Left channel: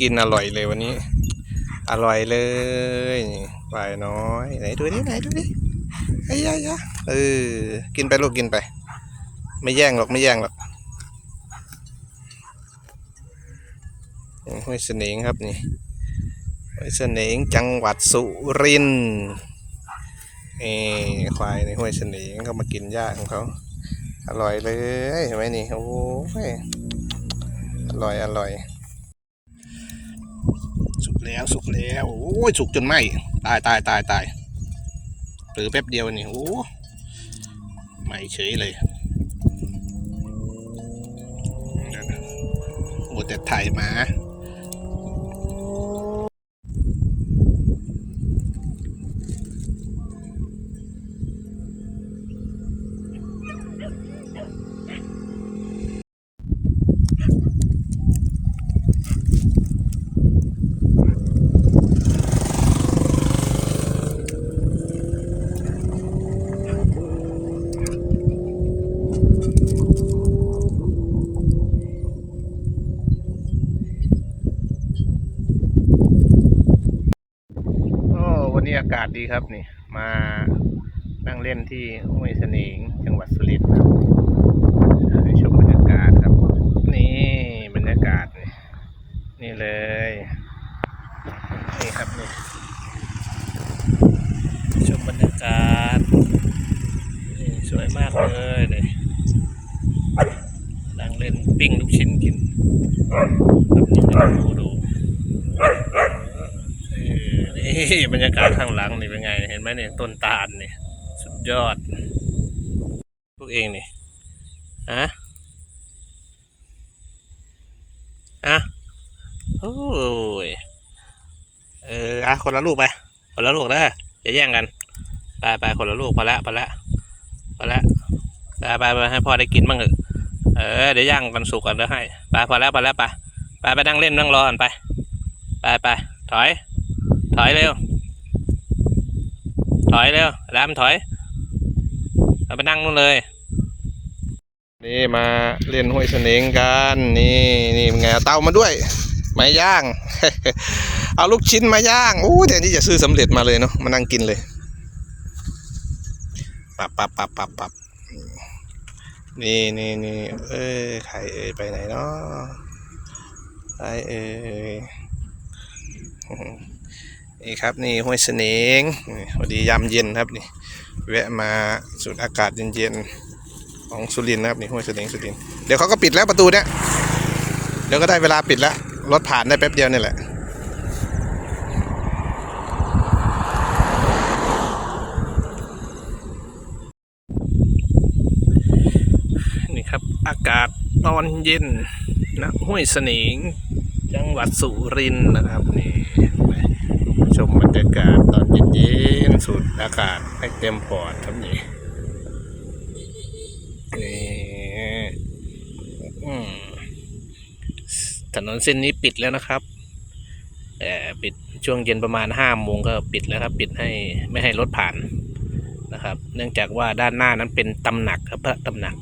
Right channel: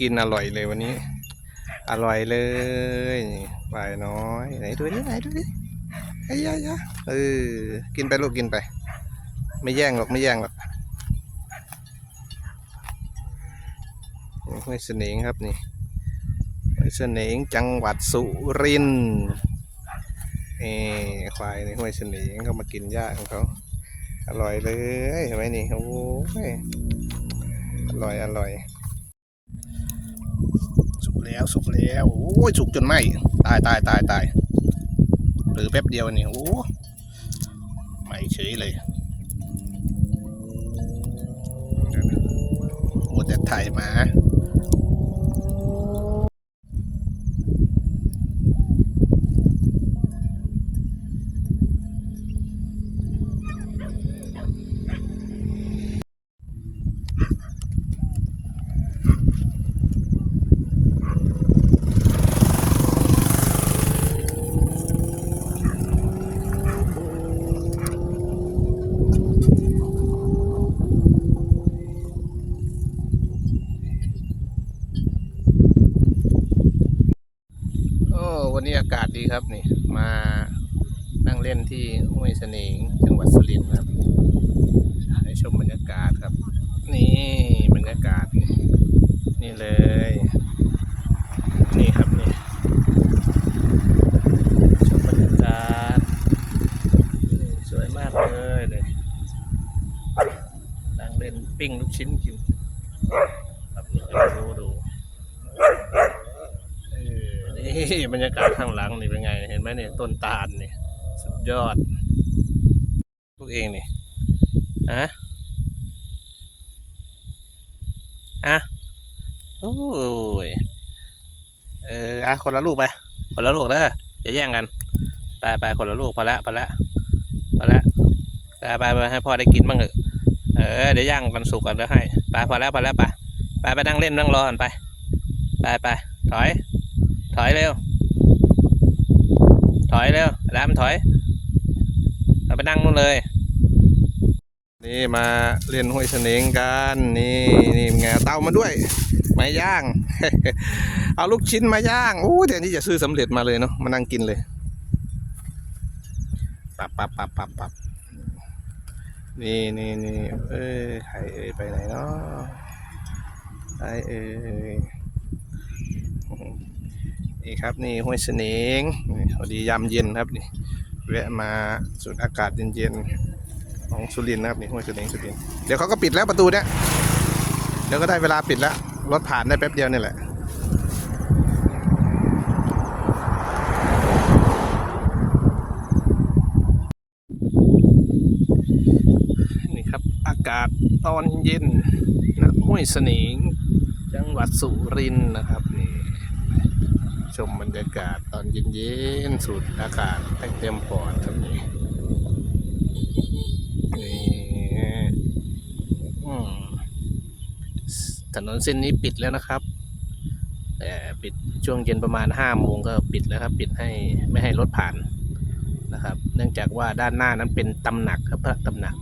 กินอร่อยเลยวันนี้ อร่อยเลยนี่ปลายน้อย ไหนดูดิไหนดูดิไอ้ยายาเออกินไปลูกกินไป ไม่แย่งหรอกไม่แย่งหรอกห้วยเสนงครับนี่ห้วยเสนงจังหวัดสุรินทร์นี่ควายในห้วยเสนงเขามากินหญ้าของเขาอร่อยเลยเห็นไหมนี่โอ้ยอร่อยอร่อย สุกแล้วสุกแล้วโอ้ยสุกจนไหมตายตายตายตายหรือแป๊บเดียวนี่โอ้ไหมเฉยเลย ครับนี่มานั่งเล่นที่ห้วยเสนงจังหวัดสุรินทร์ให้ชมบรรยากาศครับ นี่บรรยากาศนี่นี่เลยนี่ครับนี่ชมบรรยากาศนี่สวยมากเลยเลยนั่งเล่นปิ้งลูกชิ้นกินครับนี่ให้ดูดูเออ นี่บรรยากาศข้างหลังนี่เป็นไง เห็นไหมเนี่ยต้นตาลนี่สุดยอด พวกเองนี่อะอะโอ้ยเอออะคนละลูกไปคนละลูกนะอย่าแย่งกันไปไปคนละลูกพอละพอละพอละไปไปไปให้พ่อได้กินบ้างเถอะเออเดี๋ยวย่างกันสุกกันแล้วให้ไปพอแล้วพอแล้วไปไปไปนั่งเล่นนั่งรอกันไปไปไปถอย อยเร็ว ถอยเร็วแรมถอย เราไปนั่งนู่นเลย นี่มาเล่นห้วยเสนงกัน นี่นี่เป็นไงเตามาด้วยไม้ย่าง เอาลูกชิ้นมาย่างโอ้แทนที่จะซื้อสำเร็จมาเลยเนาะมานั่งกินเลยปับปับปับปับปับนี่นี่นี่เอ้ยไข่เอ้ยไปไหนเนาะไปเอ้ย นี่ครับนี่ห้วยเสนงพอดียามเย็นครับนี่แวะมาสูดอากาศเย็นๆของสุรินทร์นะครับนี่ห้วยเสนงสุรินทร์เดี๋ยวเขาก็ปิดแล้วประตูเนี่ยเดี๋ยวก็ได้เวลาปิดแล้วรถผ่านได้แป๊บเดียวนี่แหละนี่ครับอากาศตอนเย็นนะห้วยเสนงจังหวัดสุรินทร์นะครับนี่ มบรรยากาศตอนเย็นๆสูดอากาศให้เต็มปอดครับนี่นี่ถนนเส้นนี้ปิดแล้วนะครับแต่ปิดช่วงเย็นประมาณห้าโมงก็ปิดแล้วครับ ปิดให้ไม่ให้รถผ่านนะครับ เนื่องจากว่าด้านหน้านั้นเป็นตำหนักครับพระตำหนัก